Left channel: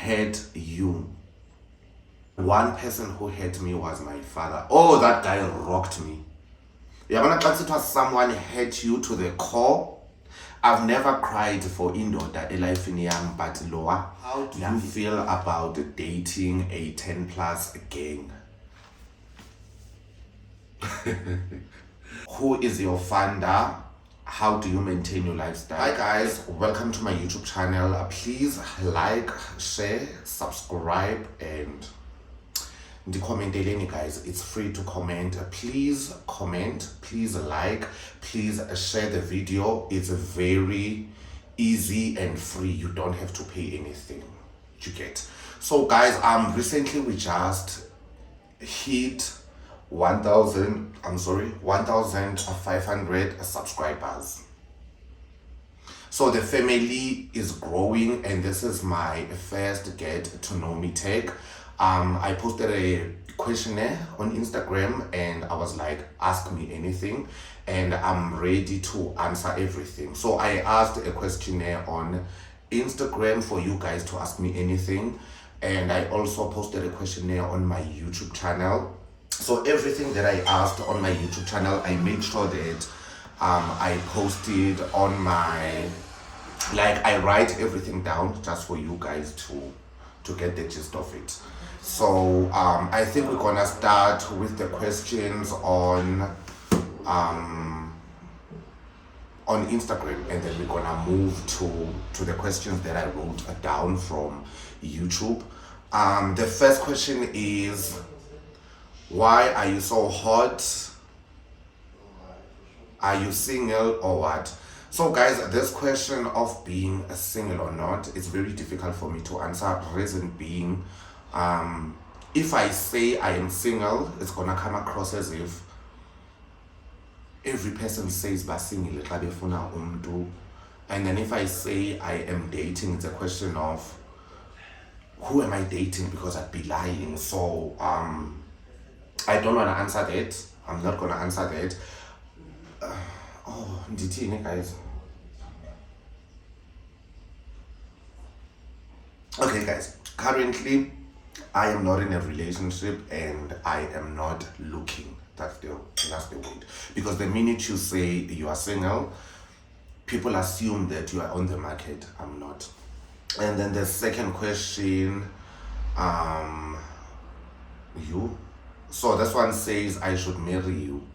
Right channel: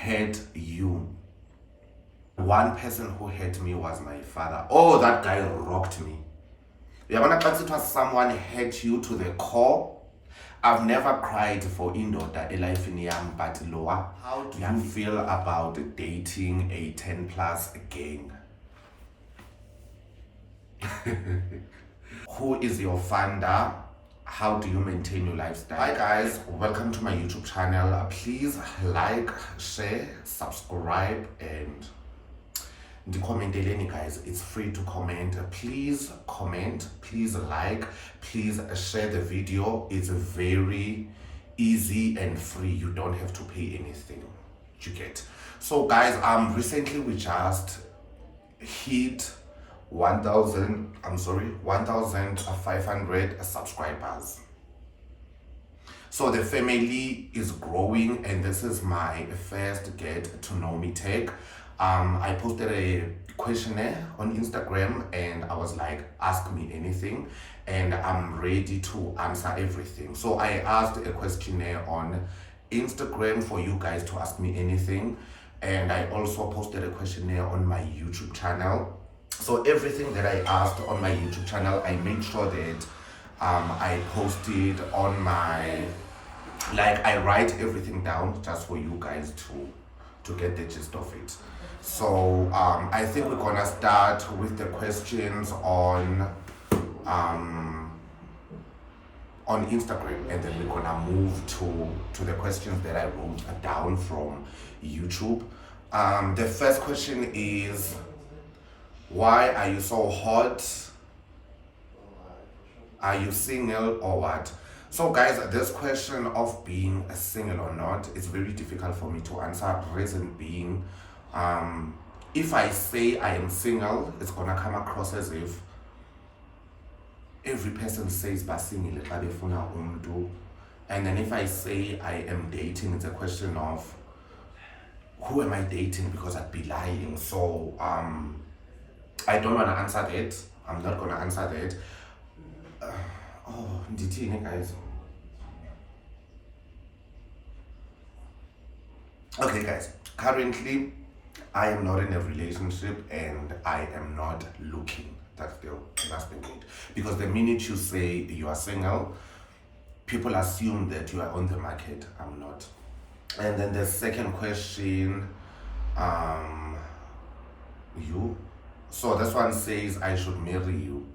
hurt you? One person who hurt me was my father. Oh, that guy rocked me. Yabona xa kusithiwa someone hurt you to the core. I've never cried for indoda elifini yam, but Loa, how do you feel about dating a 10 plus gang? Who is your funder? How do you maintain your lifestyle? Hi guys, welcome to my YouTube channel. Please like, share, subscribe, and guys, it's free to comment. Please comment, please like, please share the video. It's very easy and free. You don't have to pay anything. You get. So guys, recently we just hit 1,500 subscribers. So the family is growing, and this is my first get to know me tag. I posted a questionnaire on Instagram and I was like, ask me anything, and I'm ready to answer everything. So I asked a questionnaire on Instagram for you guys to ask me anything, and I also posted a questionnaire on my YouTube channel. So everything that I asked on my YouTube channel, I made sure that I posted on my, I write everything down just for you guys to get the gist of it. So I think we're gonna start with the questions on Instagram, and then we're gonna move to the questions that I wrote down from YouTube. The first question is, why are you so hot? Are you single or what? So guys, this question of being a single or not, it's very difficult for me to answer. Reason being, if I say I am single, it's gonna come across as if every person says ba single xa befuna umntu, and then if I say I am dating, it's a question of who am I dating, because I'd be lying. So I don't want to answer that. I'm not gonna answer that. Oh, ndithini guys? Okay guys, currently I am not in a relationship and I am not looking. That's the word. Because the minute you say you are single, people assume that you are on the market. I'm not. And then the second question, you. So this one says I should marry you.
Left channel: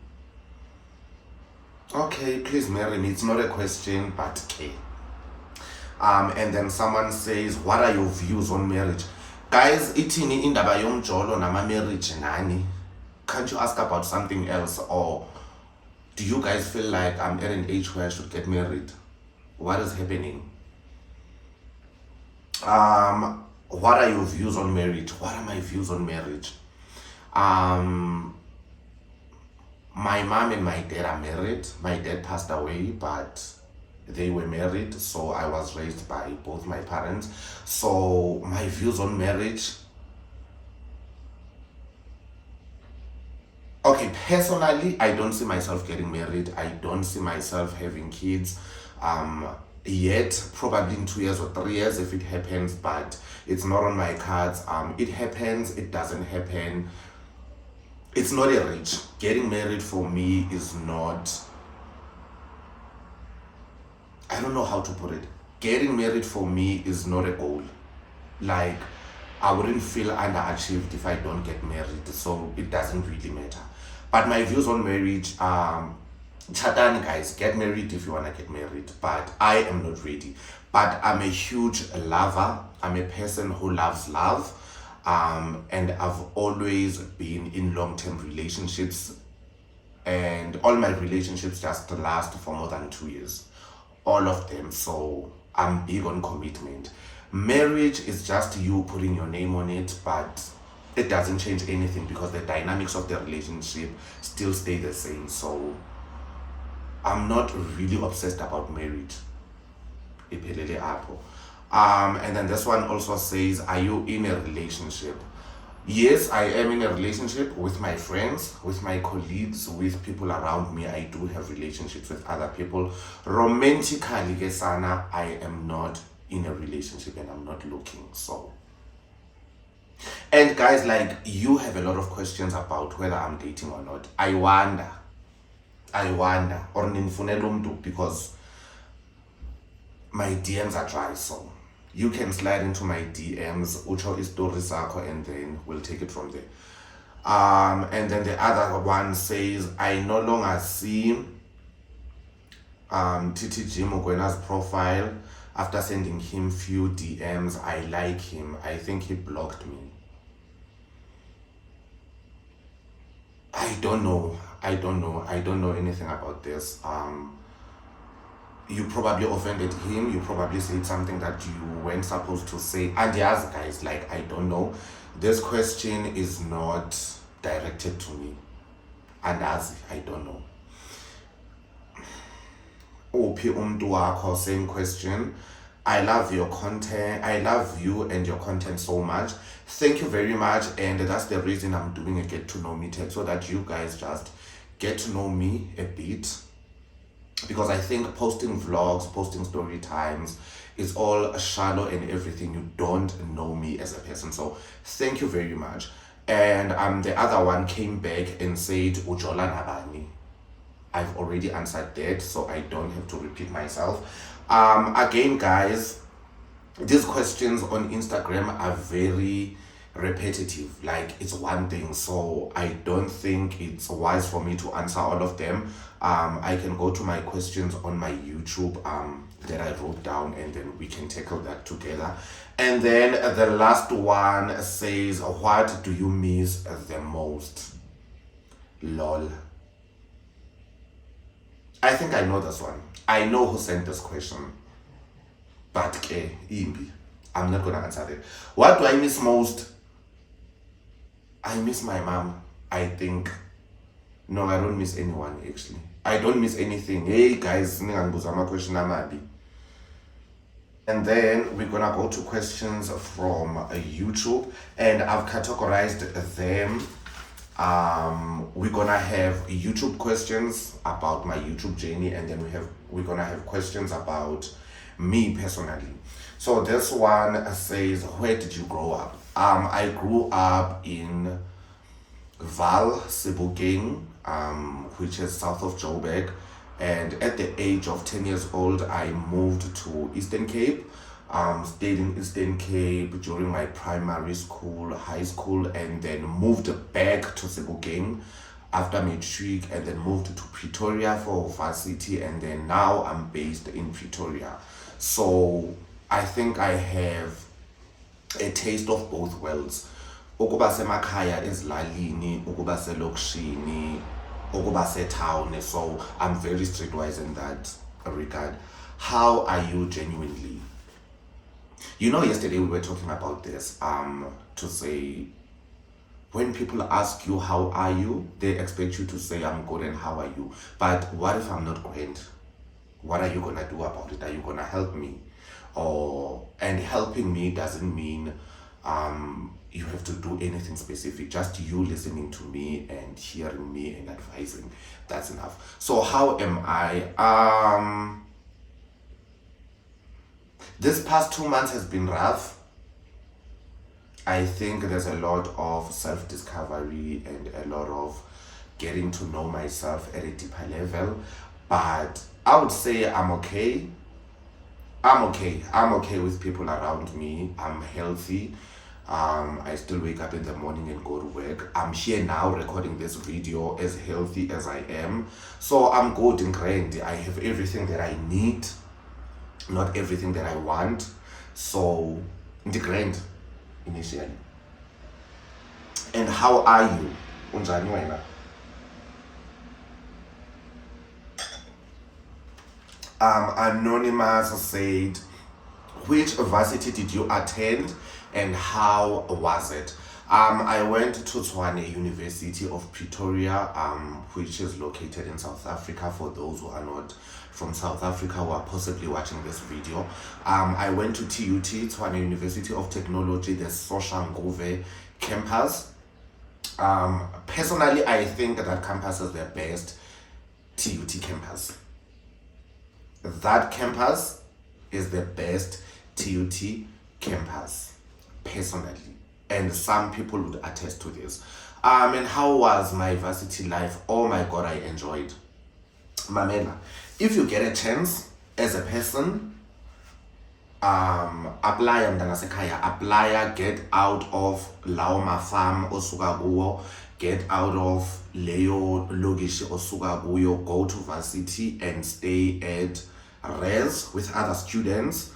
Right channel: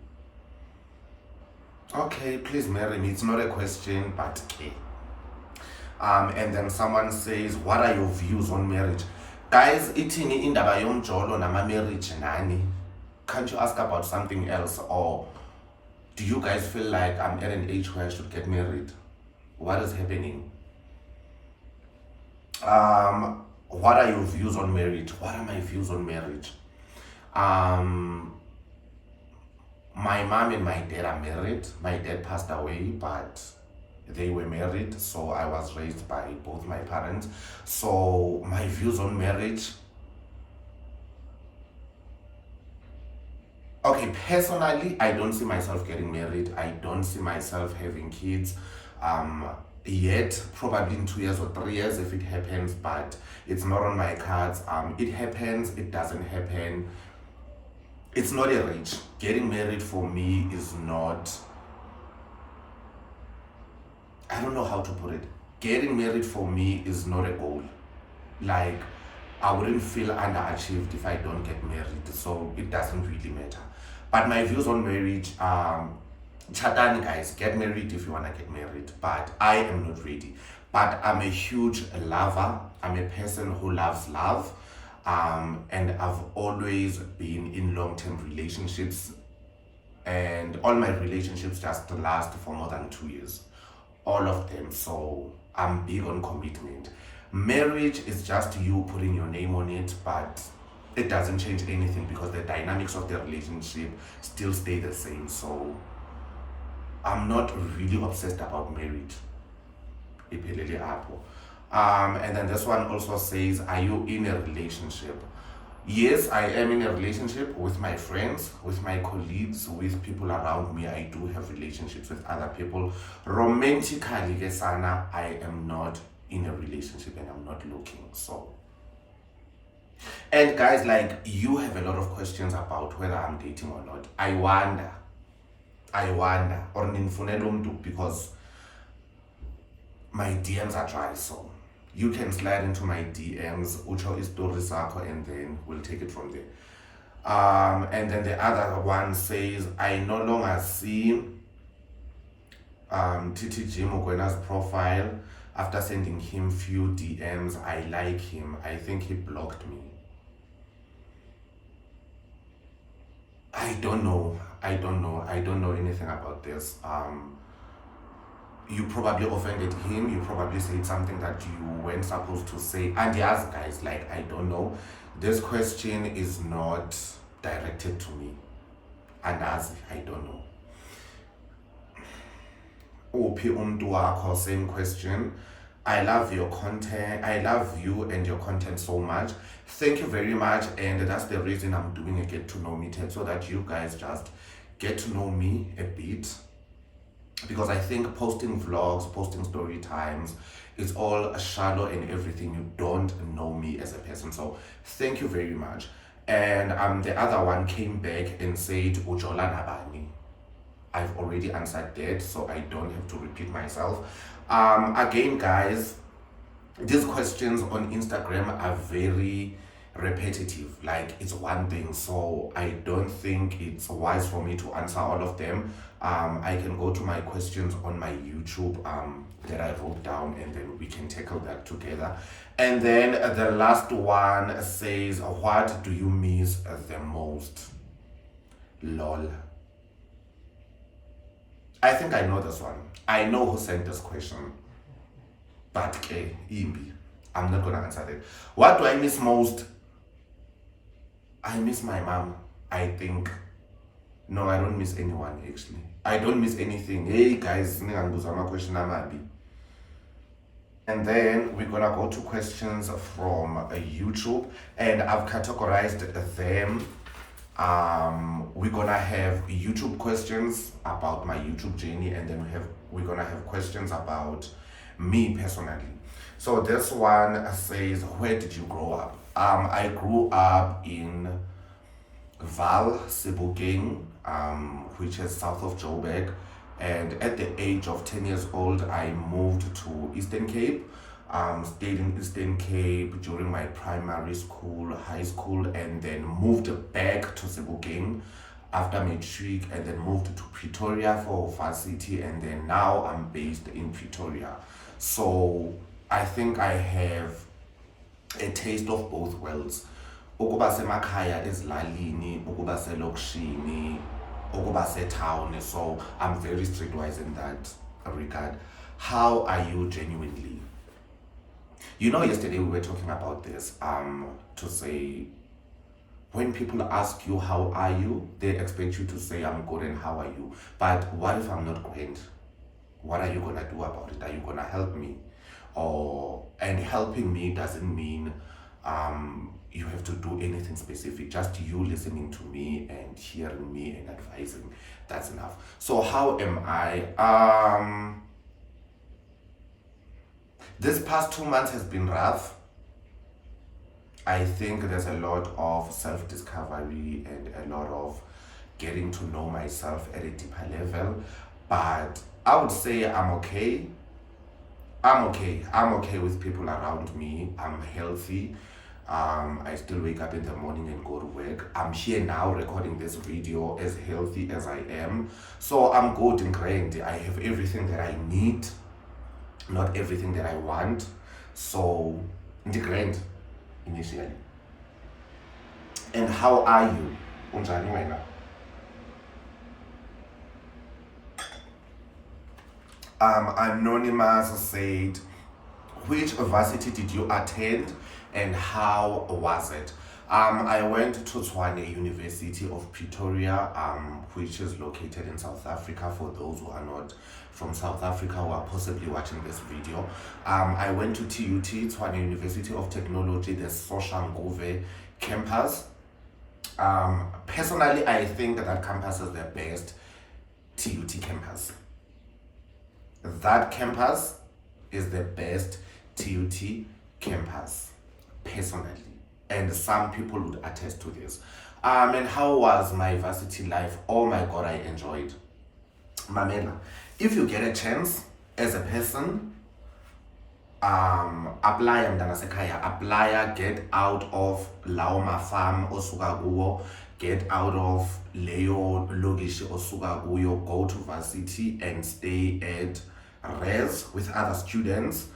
Okay, please marry me. It's not a question, but okay. And then someone says, what are your views on marriage? Guys, itini indaba yomjolo nama marriage nani? Can't you ask about something else? Or do you guys feel like I'm at an age where I should get married? What is happening? What are your views on marriage? What are my views on marriage? My mom and my dad are married. My dad passed away, but they were married, so I was raised by both my parents. So my views on marriage, okay, personally, I don't see myself getting married. I don't see myself having kids yet. Probably in 2 years or 3 years if it happens, but it's not on my cards. It happens, it doesn't happen. It's not a reach. Getting married for me is not, I don't know how to put it. Getting married for me is not a goal. Like, I wouldn't feel underachieved if I don't get married, so it doesn't really matter. But my views on marriage, chatani guys, get married if you wanna get married, but I am not ready. But I'm a huge lover. I'm a person who loves love. And I've always been in long-term relationships, and all my relationships just last for more than 2 years, all of them. So I'm big on commitment. Marriage is just you putting your name on it, but it doesn't change anything because the dynamics of the relationship still stay the same. So I'm not really obsessed about marriage. And then this one also says, are you in a relationship? Yes, I am in a relationship with my friends, with my colleagues, with people around me. I do have relationships with other people. Romantically, I am not in a relationship and I'm not looking. So And guys, like, you have a lot of questions about whether I'm dating or not. I wonder, or ninfunela umntu, because my DMs are dry, so you can slide into my DMs, ucho istory sakho, and then we'll take it from there. And then the other one says, I no longer see TTG Mugwena's profile after sending him few DMs. I like him. I think he blocked me. I don't know anything about this. You probably offended him. You probably said something that you weren't supposed to say. And yes, guys, like, I don't know. This question is not directed to me. And as I don't know. Ophi umntu wakho, same question. I love your content. I love you and your content so much. Thank you very much. And that's the reason I'm doing a get to know me tag, so that you guys just get to know me a bit. Because I think posting vlogs, posting story times is all shallow and everything. You don't know me as a person. So thank you very much. And the other one came back and said, Ujola Nabani. I've already answered that, so I don't have to repeat myself. Again, guys, these questions on Instagram are very repetitive. Like, it's one thing, so I don't think it's wise for me to answer all of them. I can go to my questions on my YouTube that I wrote down, and then we can tackle that together. And then the last one says, what do you miss the most? Lol. I think I know this one. I know who sent this question. But imbi, I'm not gonna answer that. What do I miss most? I miss my mom, I think. No, I don't miss anyone, actually. I don't miss anything. Hey guys, ningangibuza question amabi. And then we're gonna go to questions from YouTube, and I've categorized them. We're gonna have YouTube questions about my YouTube journey, and then we're gonna have questions about me personally. So this one says, where did you grow up? I grew up in Val, Sebokeng, which is south of Joburg, and at the age of 10 years old, I moved to Eastern Cape. Stayed in Eastern Cape during my primary school, high school, and then moved back to Sebokeng after matric, and then moved to Pretoria for varsity, and then now I'm based in Pretoria. So I think I have a taste of both worlds. Ukuba semakhaya ezilalini, ukuba selokishini, ukuba setown. So I'm very streetwise in that regard. How are you genuinely? You know, yesterday we were talking about this, to say, when people ask you, how are you? They expect you to say, I'm good, and how are you? But what if I'm not great? What are you going to do about it? Are you going to help me? And helping me doesn't mean you have to do anything specific. Just you listening to me and hearing me and advising, that's enough. So how am I? This past 2 months has been rough. I think there's a lot of self-discovery and a lot of getting to know myself at a deeper level. But I would say I'm okay. I'm okay with people around me. I'm healthy. I still wake up in the morning and go to work. I'm here now recording this video as healthy as I am. So I'm good and grand. I have everything that I need. Not everything that I want. So, grand initially. And how are you? Unjani wena? Anonymous said, which varsity did you attend and how was it? I went to Tshwane University of Pretoria, which is located in South Africa, for those who are not from South Africa who are possibly watching this video. I went to TUT, Tshwane University of Technology, the Soshanguve campus. Personally, I think that campus is the best TUT campus. That campus is the best TUT campus, personally. and some people would attest to this. And how was my varsity life? Oh my god, I enjoyed. Mamela, if you get a chance as a person, apply mntanasekhaya, apply, get out of lawo mafam osuka kuwo, get out of leyo lokishi osuka kuyo, go to varsity and stay at res with other students.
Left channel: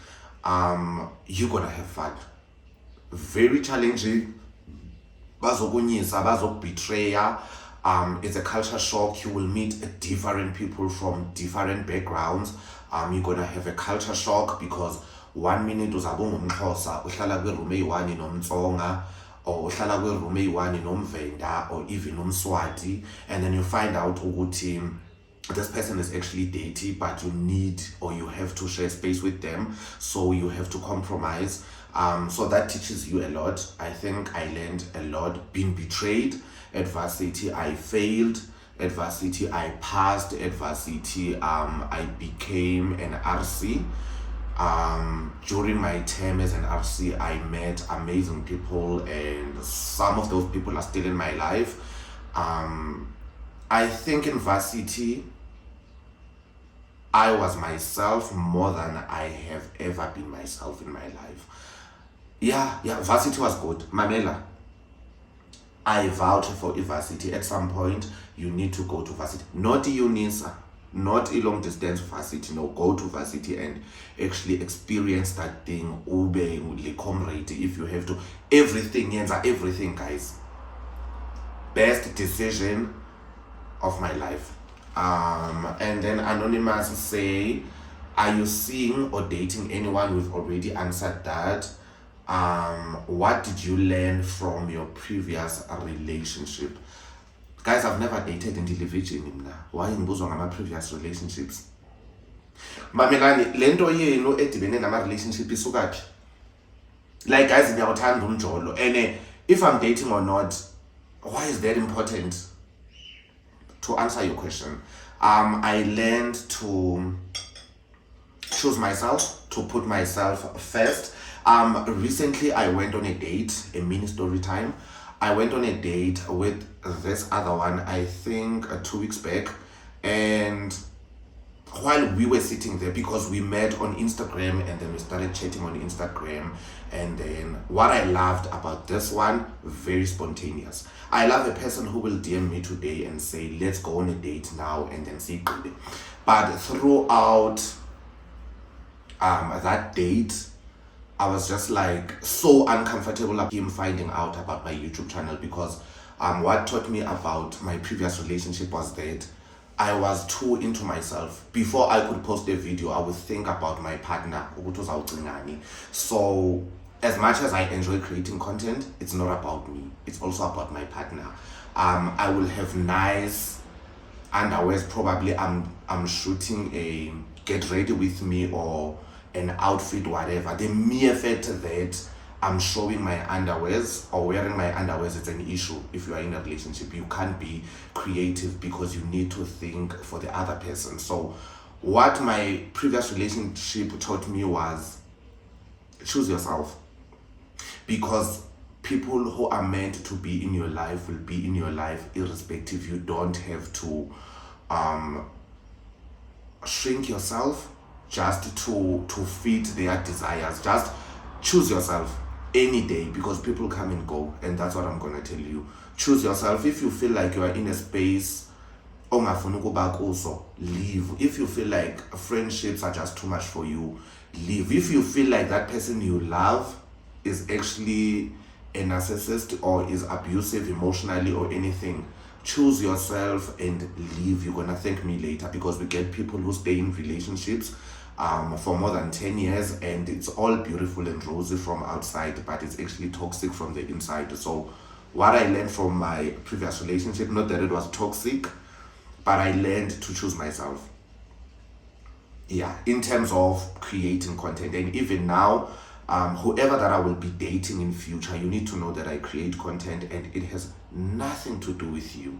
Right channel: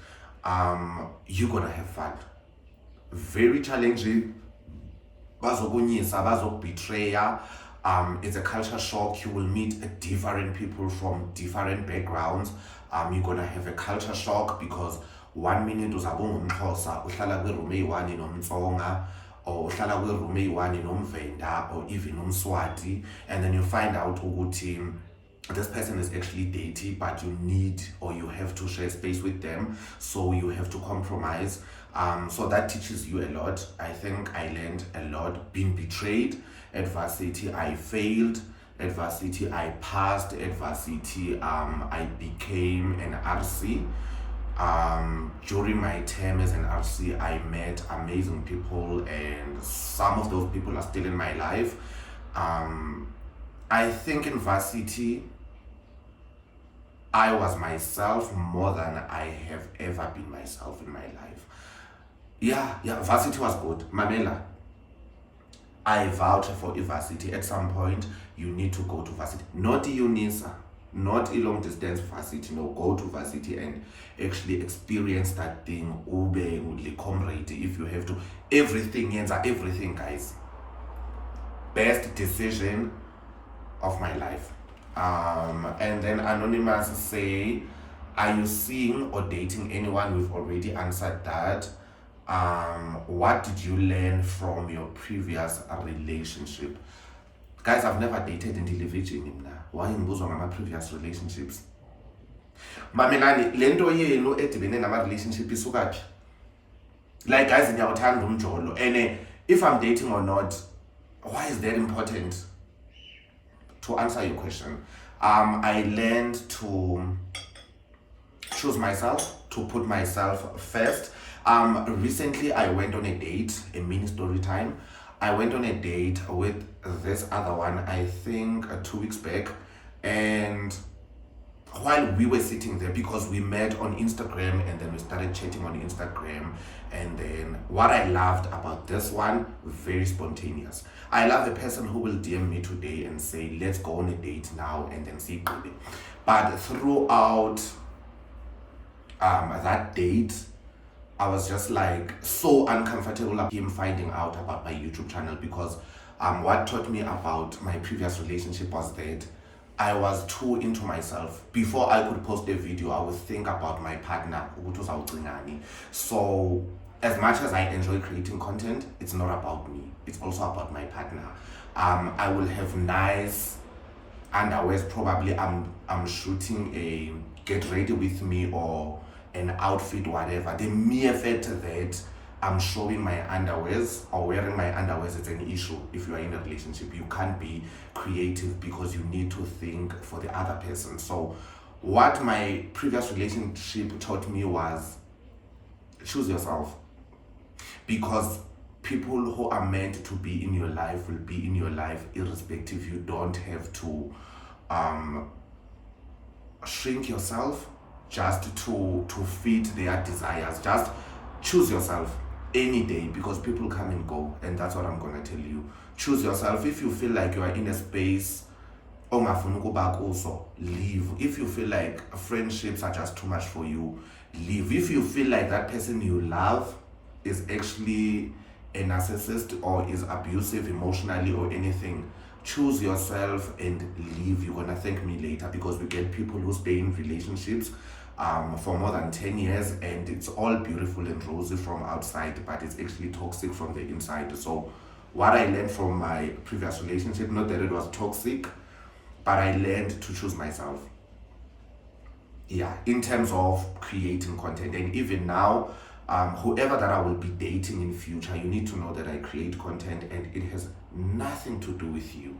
You're gonna have fun. Very challenging, bazokunyisa, bazokubetraya. It's a culture shock. You will meet different people from different backgrounds. You're gonna have a culture shock because 1 minute uzabe ungumXhosa uhlala kwiroom eyi-1 nomtsonga, or uhlala kwiroom eyi-1 nomvenda, or even umswati, and then you find out ukuthi this person is actually dirty, but you need or you have to share space with them, so you have to compromise. So that teaches you a lot. I think I learned a lot. Being betrayed at varsity, I failed. At varsity, I passed. At varsity, I became an RC. During my term as an RC, I met amazing people, and some of those people are still in my life. I think in varsity, I was myself more than I have ever been myself in my life. Yeah, varsity was good. Mamela, I vouch for varsity. At some point, you need to go to varsity. Not UNISA, not a long distance varsity. No, go to varsity and actually experience that thing. Ube comrade if you have to. Everything, guys. Best decision of my life. And then Anonymous say, are you seeing or dating anyone? We've already answered that. What did you learn from your previous relationship? Guys, I've never dated in television. Why ngibuzwa ngama previous relationships? Mamelani, lento yenu edibene nama relationship isukaphi? Like, guys, ngiyakuthanda umjolo. And if I'm dating or not, why is that important? To answer your question, I learned to choose myself, to put myself first. Recently I went on a date, a mini story time. I went on a date with this other one, I think 2 weeks back, and while we were sitting there, because we met on Instagram and then we started chatting on Instagram, and then what I loved about this one, very spontaneous. I love a person who will DM me today and say, let's go on a date now, and then see. But throughout that date, I was just like so uncomfortable of him finding out about my YouTube channel, because what taught me about my previous relationship was that I was too into myself. Before I could post a video, I would think about my partner. So as much as I enjoy creating content, it's not about me. It's also about my partner. I will have nice underwears. Probably I'm shooting a get ready with me or an outfit, whatever. The mere fact that I'm showing my underwears or wearing my underwears, it's an issue. If you are in a relationship, you can't be creative because you need to think for the other person. So what my previous relationship taught me was choose yourself, because people who are meant to be in your life will be in your life irrespective. You don't have to shrink yourself just to fit their desires. Just choose yourself any day, because people come and go, and that's what I'm gonna tell you. Choose yourself. If you feel like you are in a space ongafuni ukuba kuso, leave. If you feel like friendships are just too much for you, leave. If you feel like that person you love is actually a narcissist or is abusive emotionally or anything, choose yourself and leave. You're gonna thank me later, because we get people who stay in relationships for more than 10 years, and it's all beautiful and rosy from outside, but it's actually toxic from the inside. So what I learned from my previous relationship, not that it was toxic, but I learned to choose myself. Yeah, in terms of creating content. And even now, whoever that I will be dating in future, you need to know that I create content and it has nothing to do with you.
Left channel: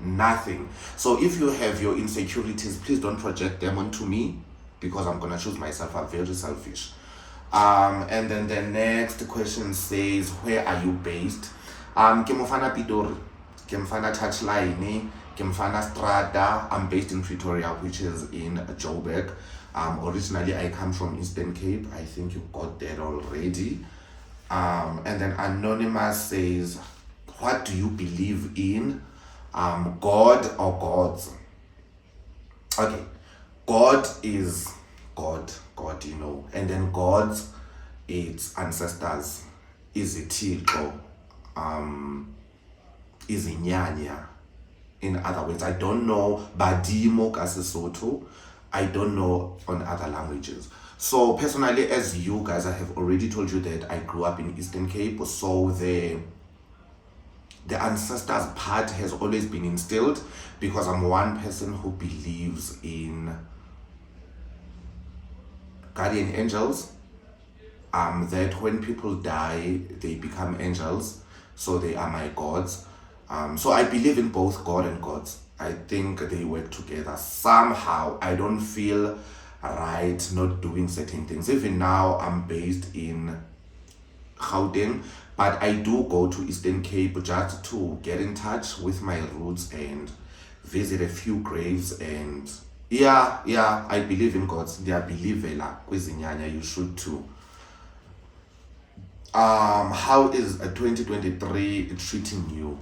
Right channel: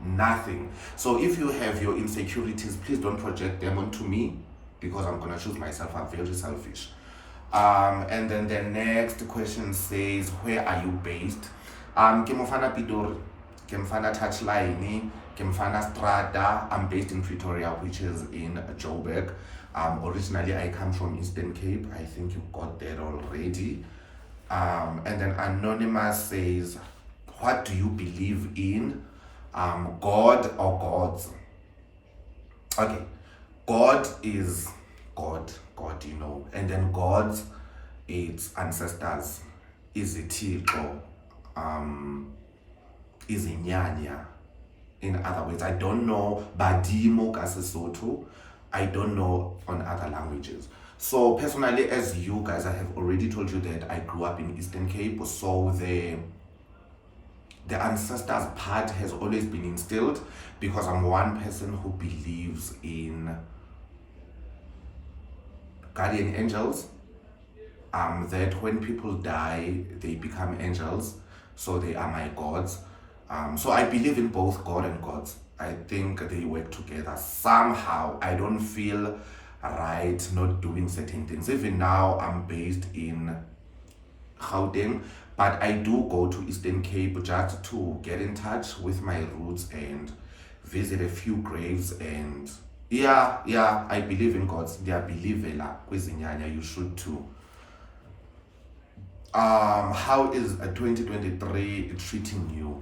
Nothing. So if you have your insecurities, please don't project them onto me, because I'm gonna choose myself. I'm very selfish. And then the next question says, where are you based? Ke mofana Pitori, ke mfana Touchline, ke mfana Strata. I'm based in Pretoria, which is in Joburg. Originally I come from Eastern Cape. I think you got that already. And then Anonymous says, what do you believe in? God or gods? Okay, God is God, and then gods, it's ancestors, is ithixo, is inyanya. In other words, I don't know badimo kaSesotho, I don't know on other languages. So personally, as you guys, I have already told you that I grew up in Eastern Cape, so the ancestors part has always been instilled, because I'm one person who believes in guardian angels, that when people die they become angels, so they are my gods. So I believe in both God and gods. I think they work together somehow. I don't feel right not doing certain things. Even now I'm based in Gauteng, but I do go to Eastern Cape just to get in touch with my roots and visit a few graves. And yeah, I believe in gods. They are believela kwizinyanya. You should too. How is 2023 treating you?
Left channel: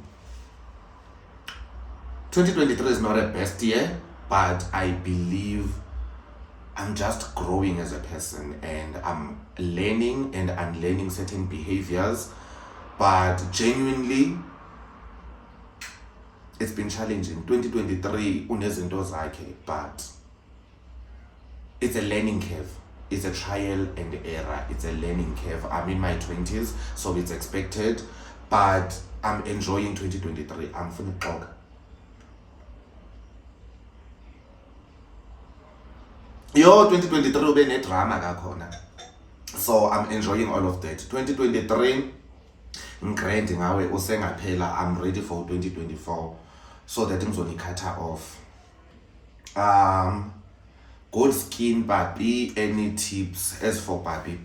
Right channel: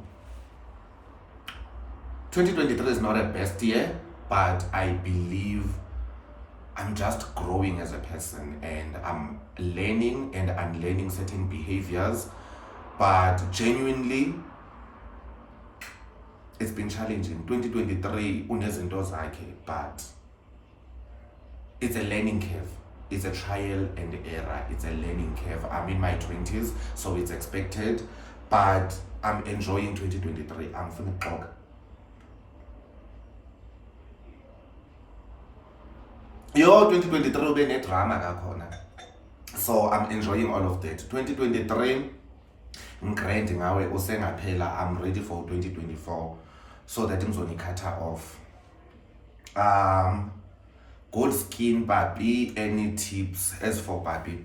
2023 is not a best year, but I believe I'm just growing as a person, and I'm learning and unlearning certain behaviors. But genuinely, it's been challenging. 2023 unezinto zakhe, but it's a learning curve. It's a trial and error. It's a learning curve. I'm in my 20s, so it's expected, but I'm enjoying 2023. I'm finna talk. Yo, 2023 ube ne-drama kakhona. So I'm enjoying all of that. 2023 ngigrand ngawe usengaphela. I'm ready for 2024, so that ngizonikhatha off. Good skin, Babi. Any tips? As for Babi,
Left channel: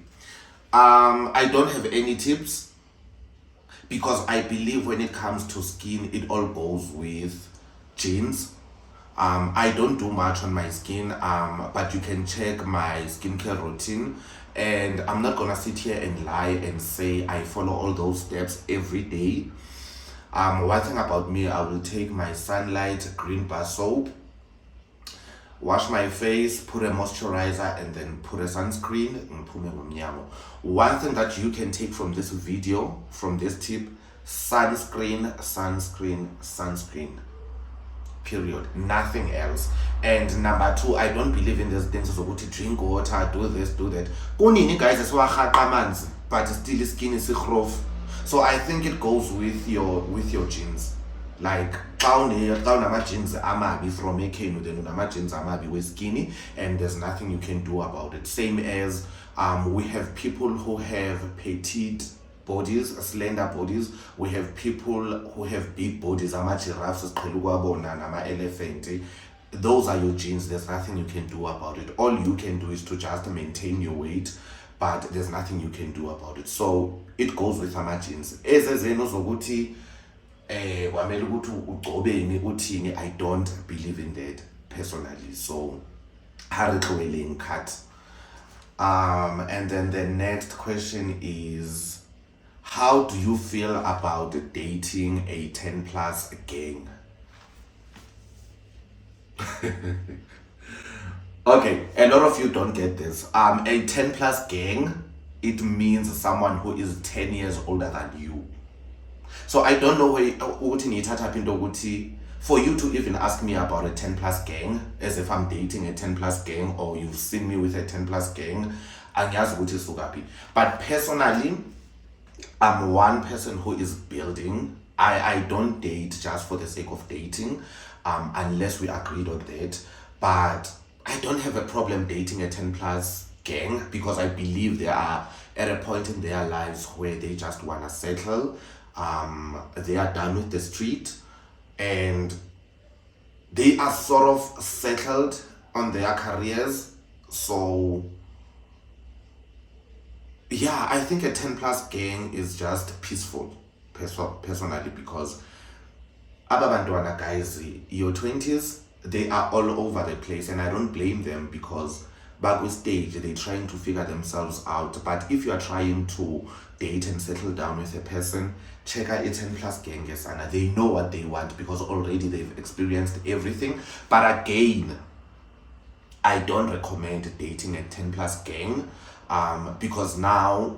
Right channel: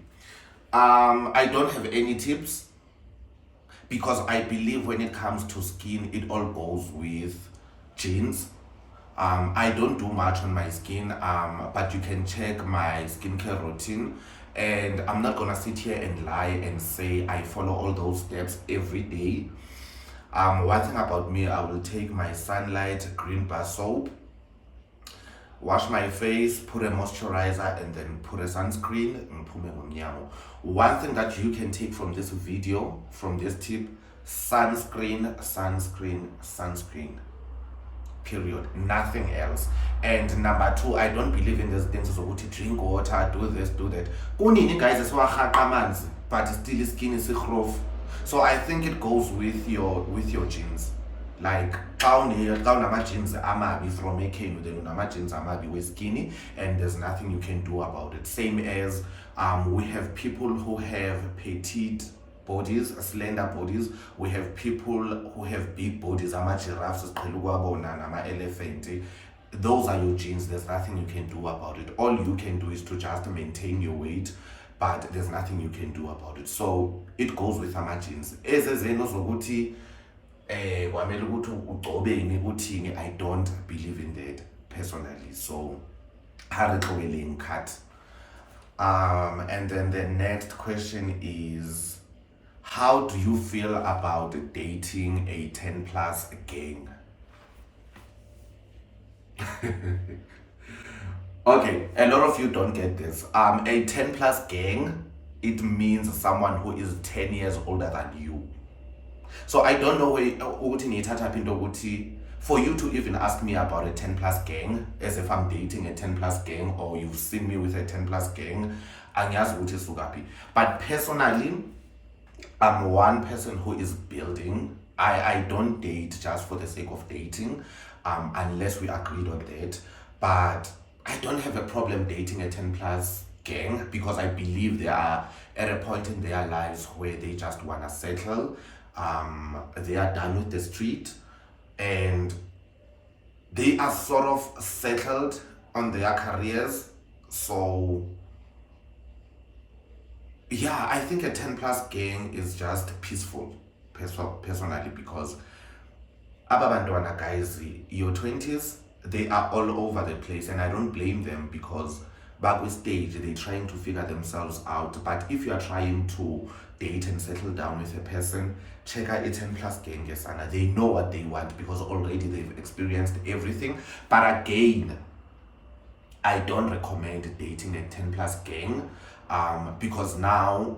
I don't have any tips, because I believe when it comes to skin, it all goes with genes. I don't do much on my skin, but you can check my skincare routine, and I'm not gonna sit here and lie and say I follow all those steps every day. One thing about me, I will take my Sunlight green bar soap, wash my face, put a moisturizer, and then put a sunscreen. One thing that you can take from this video, from this tip: sunscreen, sunscreen, sunscreen, period, nothing else. And number two, I don't believe in these things zokuthi drink water, do this, do that. Kunini guys esiwarhaqa amanzi, but still skin is rough. So I think it goes with your genes. Like xa unama-genes amabi from ekhenu, then unama-genes amabi we-skinny, and there's nothing you can do about it. Same as we have people who have petite bodies, slender bodies. We have people who have big bodies, ama-giraffes esiqhela ukuwabona, nama-elephant. Those are your genes. There's nothing you can do about it. All you can do is to just maintain your weight, but there's nothing you can do about it. So it goes with ama-genes. Ezezeno zokuthi kwamele ukuthi ugcobeni uthini, I don't believe in that personally. So harixweleng cut. And then the next question is, how do you feel about dating a 10 plus gang? Okay, a lot of you don't get this. A 10 plus gang, it means someone who is 10 years older than you. So I don't know for you to even ask me about a 10 plus gang, as if I'm dating a 10 plus gang, or you've seen me with a 10 plus gang. But personally, I'm one person who is building. I don't date just for the sake of dating, unless we agreed on that. But I don't have a problem dating a 10 plus gang, because I believe they are at a point in their lives where they just want to settle. They are done with the street, and they are sort of settled on their careers. So Yeah, I think a 10 plus gang is just peaceful, personally, because aba bantwana guys, your 20s, they are all over the place, and I don't blame them because back with stage they're trying to figure themselves out. But if you are trying to date and settle down with a person, check out a 10 plus gang, and they know what they want because already they've experienced everything. But again, I don't recommend dating a 10 plus gang, because now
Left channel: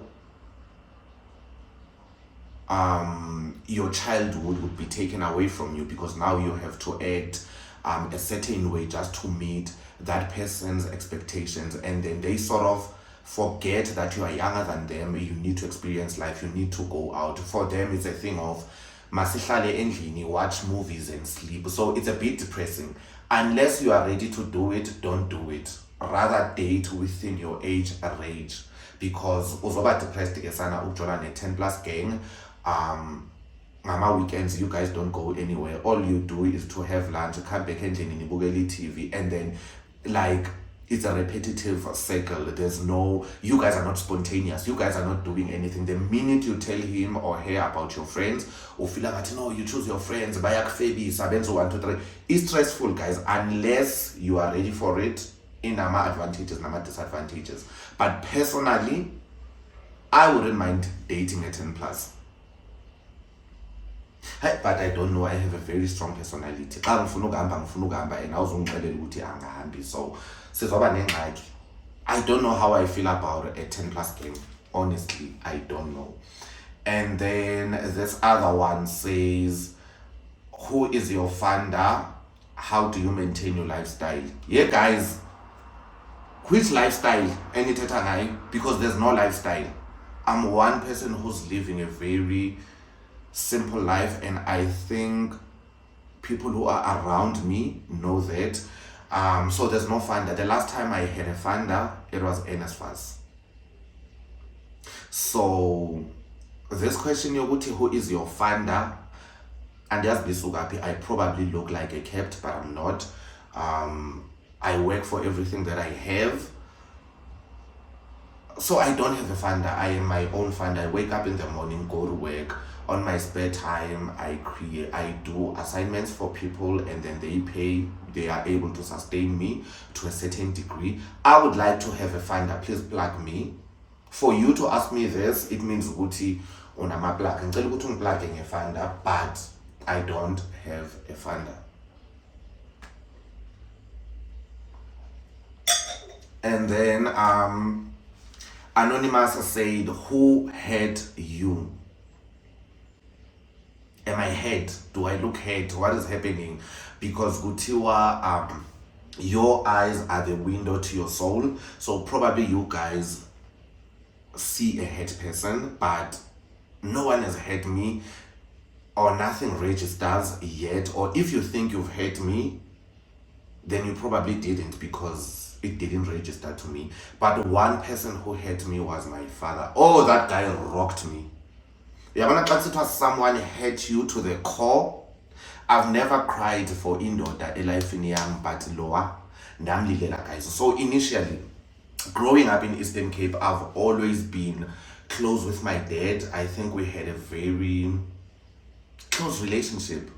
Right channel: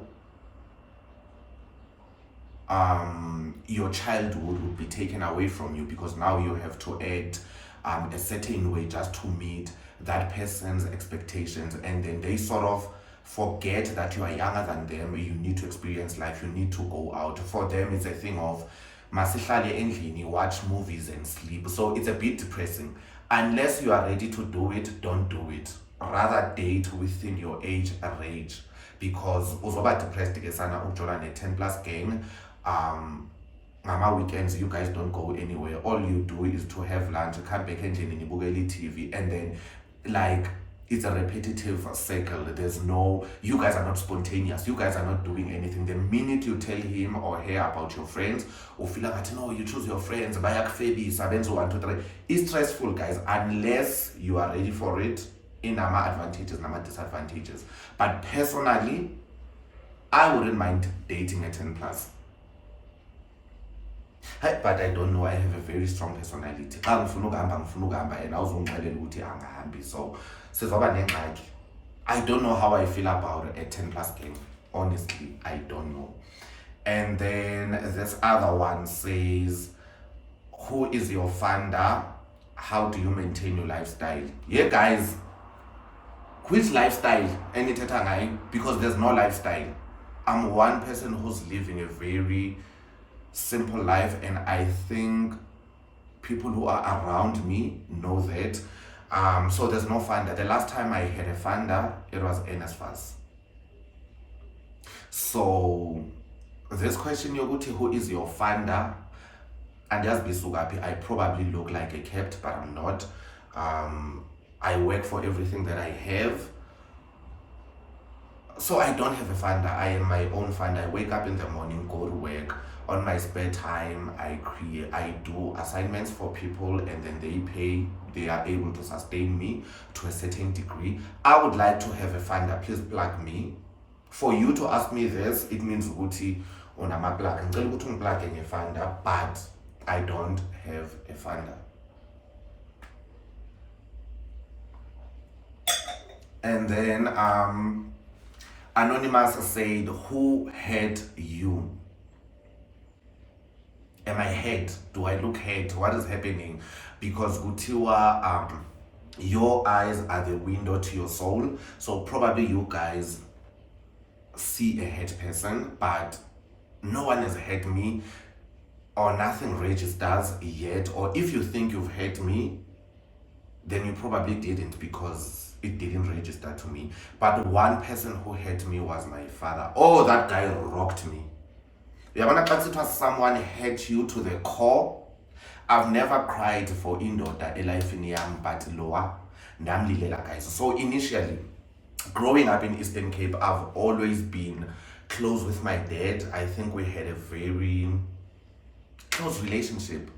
your childhood would be taken away from you, because now you have to act a certain way just to meet that person's expectations, and then they sort of forget that you are younger than them. You need to experience life, you need to go out. For them it's a thing of masihlale endlini, watch movies and sleep. So it's a bit depressing. Unless you are ready to do it, don't do it. Rather date within your age range, because uzoba depressed ke sana ukujona ne 10 plus gang. Ngama weekends you guys don't go anywhere. All you do is to have lunch, come back endlini nibukele TV, and then like it's a repetitive cycle. There's no, you guys are not spontaneous, you guys are not doing anything. The minute you tell him or her about your friends, or feel like, no, you choose your friends, bayakufebisa benzo 1 2 3, it's stressful, guys, unless you are ready for it. In nama advantages, nama disadvantages. But personally, I wouldn't mind dating a 10 plus. But I don't know, I have a very strong personality. Xa ngifuna ukuhamba and awuzungixelela ukuthi angihambi, so sizoba nengxaki. I don't know how I feel about a 10 plus game, honestly, I don't know. And then this other one says, who is your funder? How do you maintain your lifestyle? Yeah, guys, which lifestyle? Enithetha ngayo, because there's no lifestyle. I'm one person who's living a very simple life, and I think people who are around me know that. So there's no funder. The last time I had a funder, it was NSFAS. So this question yokuthi who is your funder, and just be sugapi, I probably look like a kept, but I'm not. I work for everything that I have. So I don't have a funder. I am my own funder. I wake up in the morning, go to work. On my spare time, I do assignments for people, and then they are able to sustain me to a certain degree. I would like to have a funder. Please plug me. For you to ask me this, it means ukuthi unama plug. Ngicela ukuthi ungiplug a funder, but I don't have a funder. And then Anonymous said, who hurt you? Am I hurt? Do I look hurt? What is happening? Because Gutiwa, your eyes are the window to your soul. So probably you guys see a hurt person, but no one has hurt me, or nothing registers yet. Or if you think you've hurt me, then you probably didn't, because it didn't register to me. But one person who hurt me was my father. Oh, that guy rocked me. Yabona xa kusithiwa someone hurt you to the core. I've never cried for indoda elifini yam, but lower ndamlilela, guys. So initially, growing up in Eastern Cape, I've always been close with my dad. I think we had a very close relationship,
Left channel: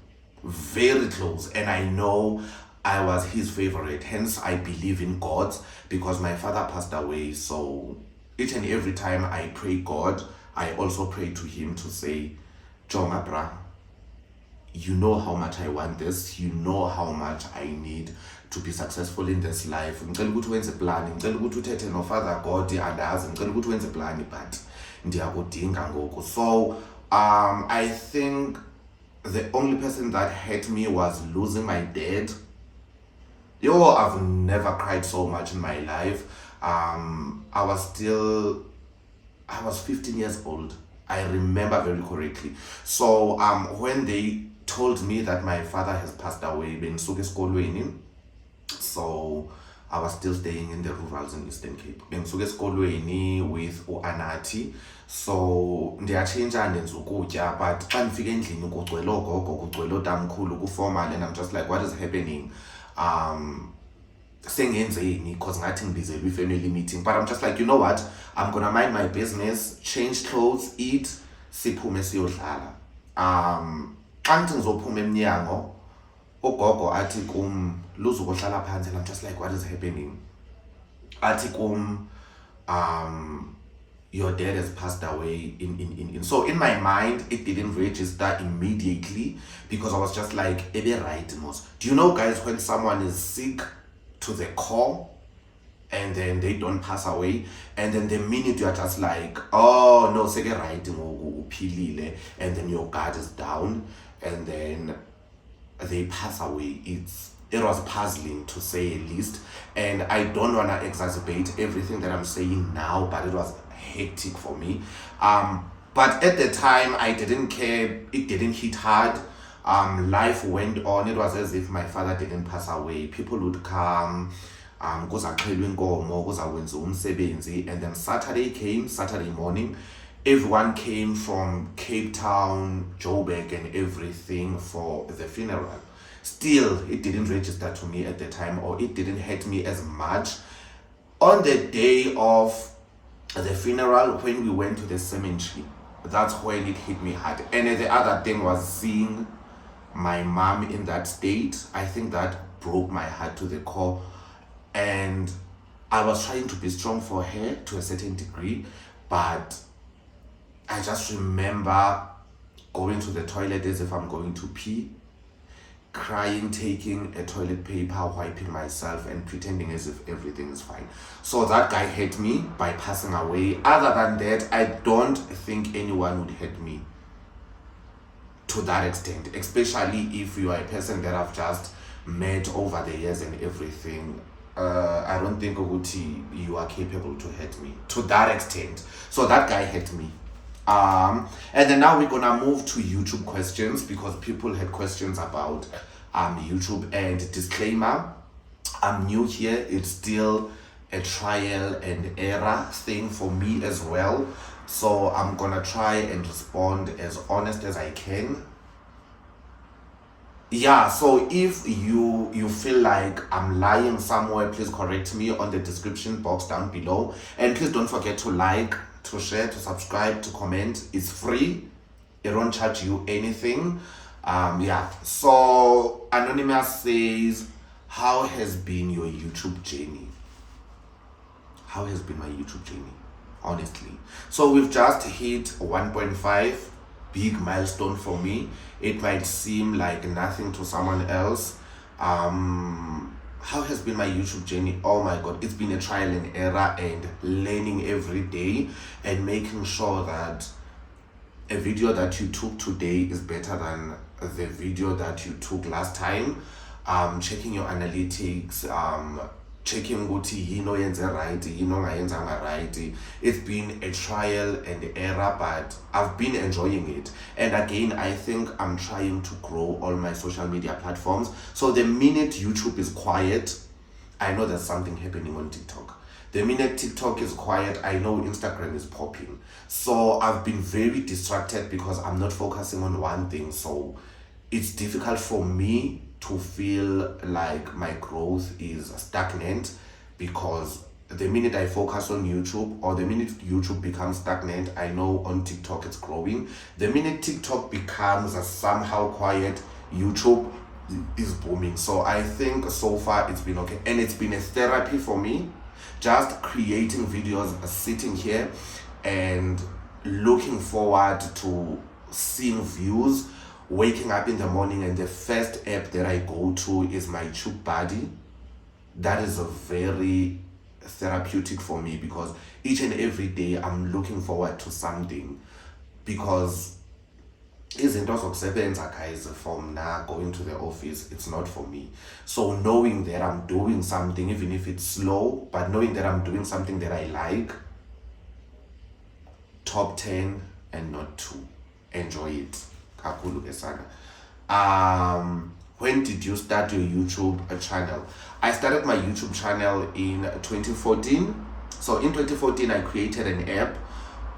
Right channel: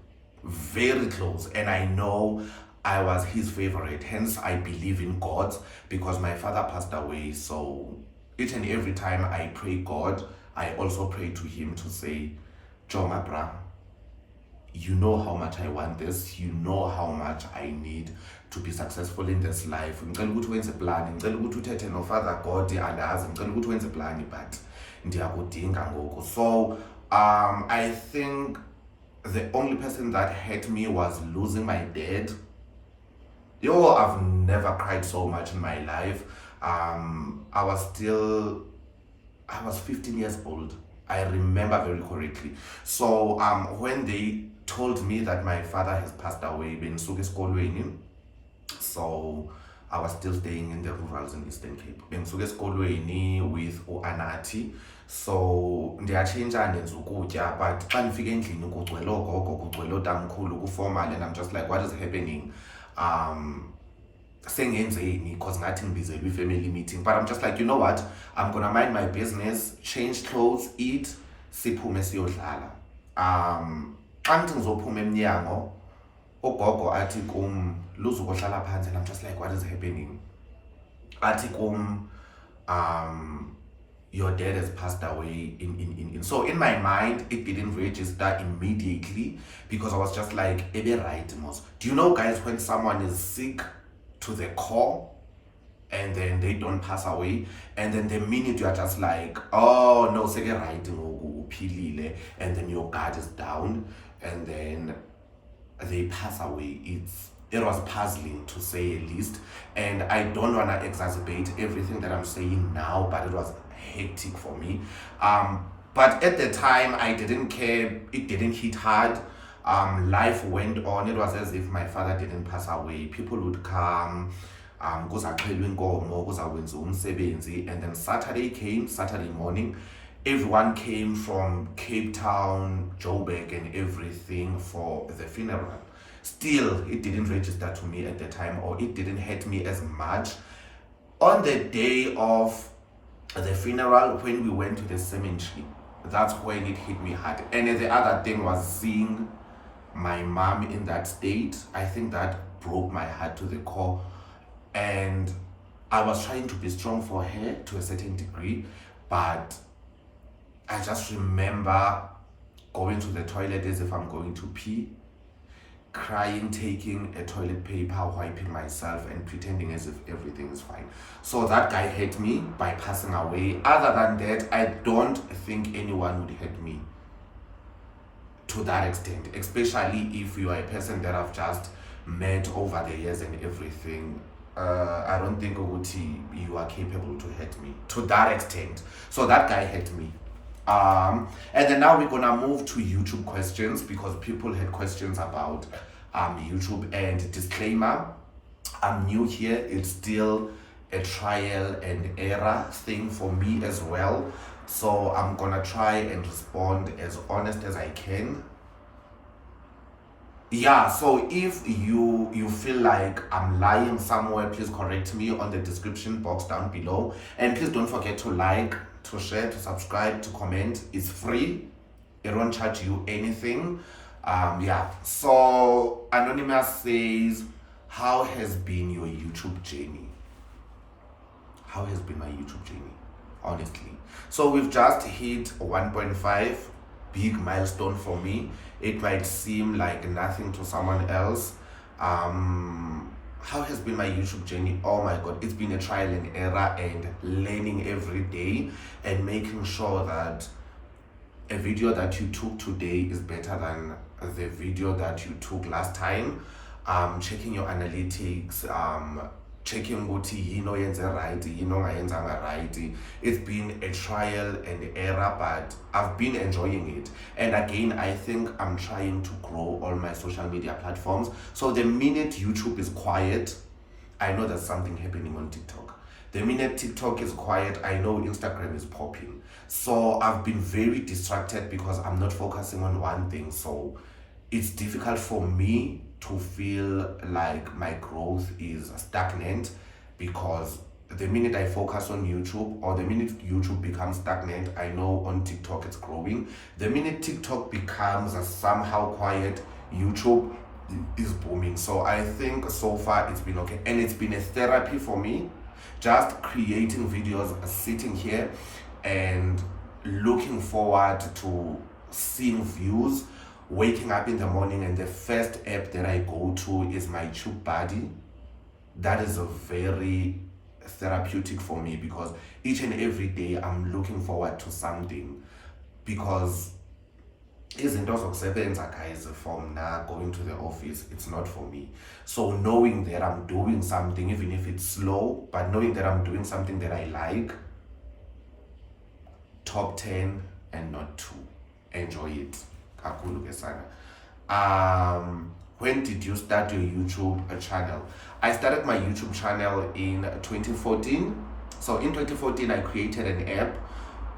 very close, and I know I was his favorite. Hence I believe in God, because my father passed away. So each and every time I pray God, I also pray to him to say, Joma bra, you know how much I want this, you know how much I need to be successful in this life. Ngicela ukuthi wenze plan, ngicela ukuthi uthethe no Father God, andazi, ngicela ukuthi wenze plan, but ndiyakudinga ngoku. So I think the only person that hurt me was losing my dad. Yo, I've never cried so much in my life. I was 15 years old. I remember very correctly. So when they told me that my father has passed away, bengisuka esikolweni, so I was still staying in the rurals in Eastern Cape. Bengisuka esikolweni with uAnathi. So ndiyachinja ndenza ukutya, but xa ndifika endlini kugcwele ogogo, kugcwele otamkhulu, kuformal, and I'm just like, what is happening? sengenzeni because ngathi ngibizelwe family meeting, but I'm just like, you know what, I'm gonna mind my business, change clothes, eat, siphume siyodlala. Xa ngithi ngizophuma emnyango, ugogo athi kum, luzukohlala phansi, and I'm just like, what is happening? Athi kum, your dad has passed away in so in my mind it didn't register immediately because I was just like, ebe right mos. Do you know, guys, when someone is sick to the core and then they don't pass away, and then the minute you are just like, oh no, seke right uphilile, and then your guard is down and then they pass away, it was puzzling to say the least, and I don't want to exacerbate everything that I'm saying now, but it was hectic for me. But at the time I didn't care, it didn't hit hard. Life went on. It was as if my father didn't pass away. People would come, kuzaxhelwa inkomo, kuzakwenziwa umsebenzi, and then Saturday morning, everyone came from Cape Town, Joburg and everything for the funeral. Still, it didn't register to me at the time, or it didn't hurt me as much. On the day of the funeral, when we went to the cemetery, that's when it hit me hard. And the other thing was seeing my mom in that state. I think that broke my heart to the core, and I was trying to be strong for her to a certain degree, but I just remember going to the toilet as if I'm going to pee, crying, taking a toilet paper, wiping myself and pretending as if everything is fine. So that guy hurt me by passing away. Other than that, I don't think anyone would hurt me to that extent, especially if you are a person that I've just met over the years and everything. I don't think you are capable to hurt me to that extent. So that guy hurt me. And then now we're gonna move to YouTube questions, because people had questions about YouTube. And disclaimer, I'm new here, it's still a trial and error thing for me as well, so I'm gonna try and respond as honest as I can. Yeah, so if you feel like I'm lying somewhere, please correct me on the description box down below, and please don't forget to like, to share, to subscribe, to comment. It's free, it won't charge you anything. Yeah, so Anonymous says, how has been your YouTube journey? How has been my YouTube journey, honestly? So we've just hit 1.5, big milestone for me. It might seem like nothing to someone else. How has been my YouTube journey? Oh my god, it's been a trial and error and learning every day and making sure that a video that you took today is better than the video that you took last time. Checking your analytics, checking ukuthi yino yenze right, yino ngayenzanga right. It's been a trial and error, but I've been enjoying it. And again, I think I'm trying to grow all my social media platforms. So the minute YouTube is quiet, I know there's something happening on TikTok. The minute TikTok is quiet, I know Instagram is popping. So I've been very distracted because I'm not focusing on one thing. So it's difficult for me to feel like my growth is stagnant, because the minute I focus on YouTube, or the minute YouTube becomes stagnant, I know on TikTok it's growing. The minute TikTok becomes somehow quiet, YouTube is booming. So I think so far it's been okay, and it's been a therapy for me, just creating videos, sitting here and looking forward to seeing views, waking up in the morning, and the first app that I go to is my Tube Buddy. That is a very therapeutic for me, because each and every day I'm looking forward to something, because izinto zokusebenza, guys, from now going to the office, it's not for me. So knowing that I'm doing something, even if it's slow, but knowing that I'm doing something that I like, top 10 and not 2. Enjoy it. When did you start your YouTube channel? I started my YouTube channel in 2014. So in 2014 I created an app,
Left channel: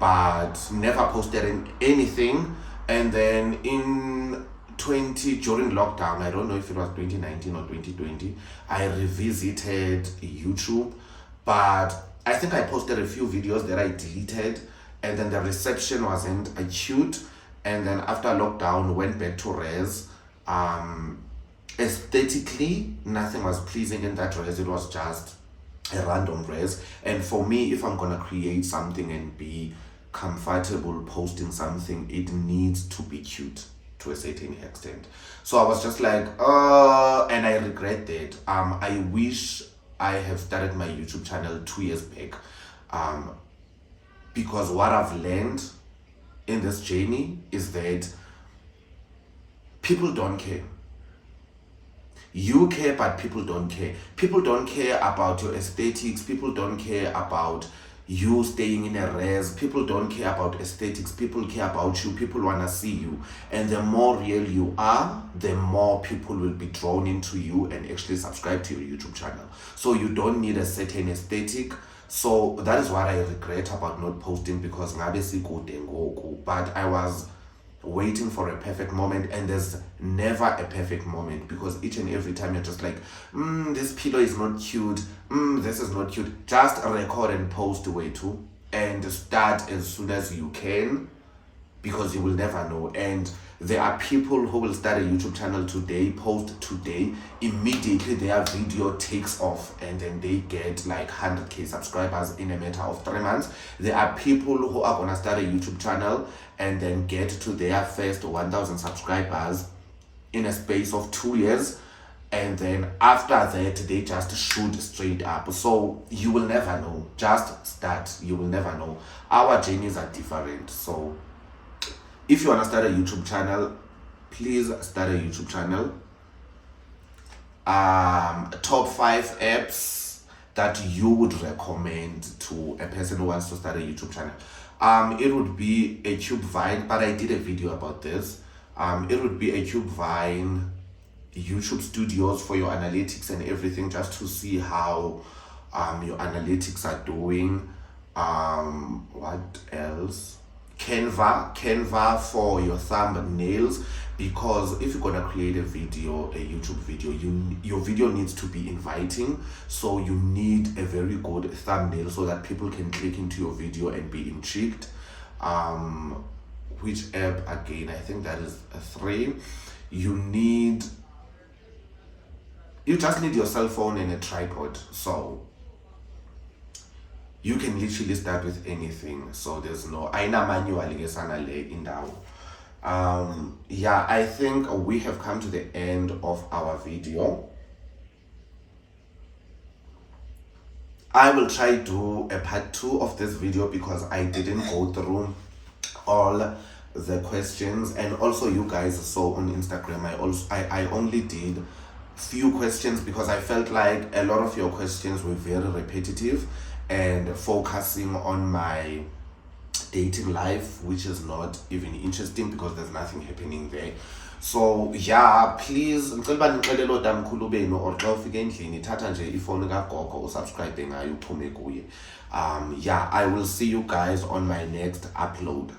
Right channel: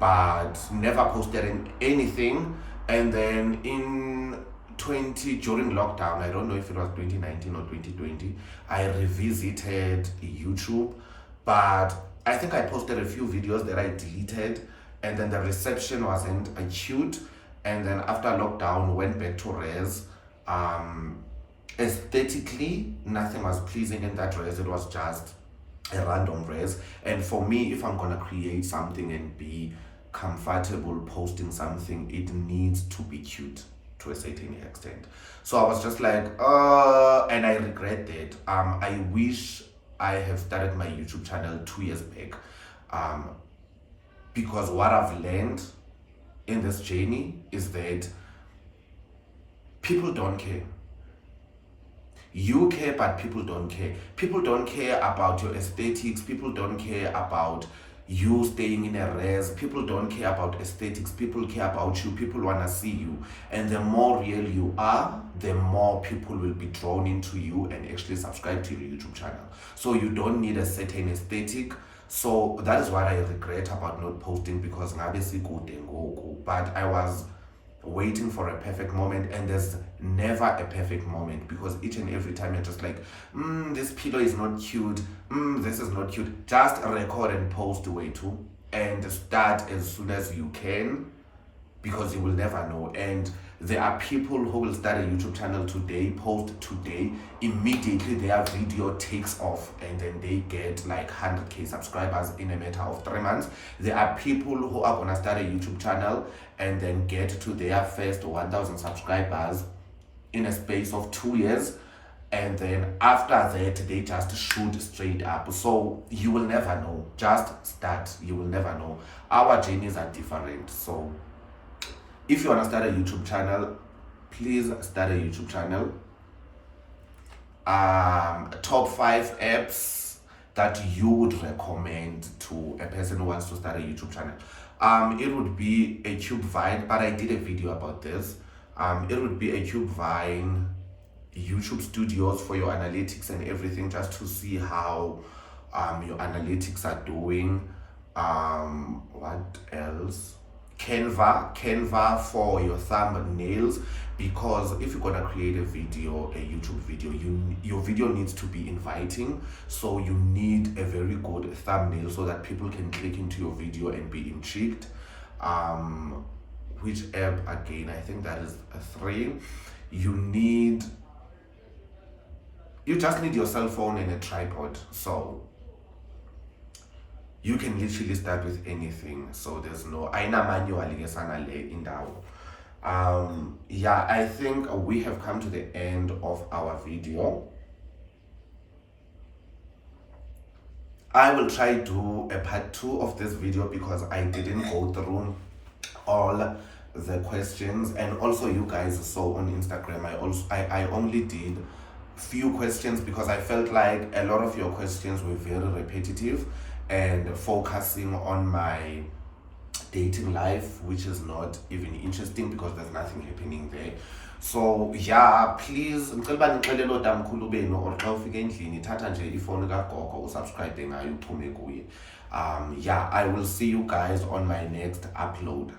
but never posted anything. And then in 2020 during lockdown, I don't know if it was 2019 or 2020, I revisited YouTube, but I think I posted a few videos that I deleted, and then the reception wasn't acute, and then after lockdown went back to res. Aesthetically, nothing was pleasing in that res. It was just a random res, and for me, if I'm gonna create something and be comfortable posting something, it needs to be cute to a certain extent. So I was just like, and I regret that. I wish I have started my YouTube channel 2 years back, because what I've learned in this journey is that people don't care. You care, but people don't care. People don't care about your aesthetics. People don't care about you staying in a res. People don't care about aesthetics. People care about you. People want to see you. And the more real you are, the more people will be drawn into you and actually subscribe to your YouTube channel. So you don't need a certain aesthetic. So that is what I regret about not posting, because ngabe sikude ngoku, but I was waiting for a perfect moment, and there's never a perfect moment, because each and every time you're just like, this pillow is not cute, this is not cute. Just record and post way too, and start as soon as you can, because you will never know. And there are people who will start a YouTube channel today, post today, immediately their video takes off, and then they get like 100k subscribers in a matter of 3 months. There are people who are gonna start a YouTube channel and then get to their first 1,000 subscribers in a space of 2 years, and then after that they just shoot straight up. So you will never know. Just start. You will never know. Our journeys are different. So if you want to start a YouTube channel, please start a YouTube channel. Top 5 apps that you would recommend to a person who wants to start a YouTube channel. It would be a Cube Vine, but I did a video about this. It would be a Cube Vine, YouTube Studios for your analytics and everything, just to see how your analytics are doing. What else? Canva for your thumbnails, because if you're gonna create a YouTube video, your video needs to be inviting, so you need a very good thumbnail so that people can click into your video and be intrigued. Which app again? I think that is 3. You just need your cell phone and a tripod, so you can literally start with anything. So there's no aina manually in yeah, I think we have come to the end of our video. I will try to do a part 2 of this video, because I didn't go through all the questions, and also you guys saw on Instagram I only did few questions, because I felt like a lot of your questions were very repetitive and focusing on my dating life, which is not even interesting because there's nothing happening there. So yeah, please ngicela nixelele otamkhulu benu, or xa ufika endlini thatha nje ifoni kagogo usubscribe ngayo uphume kuye. Yeah, I will see you guys on my next upload.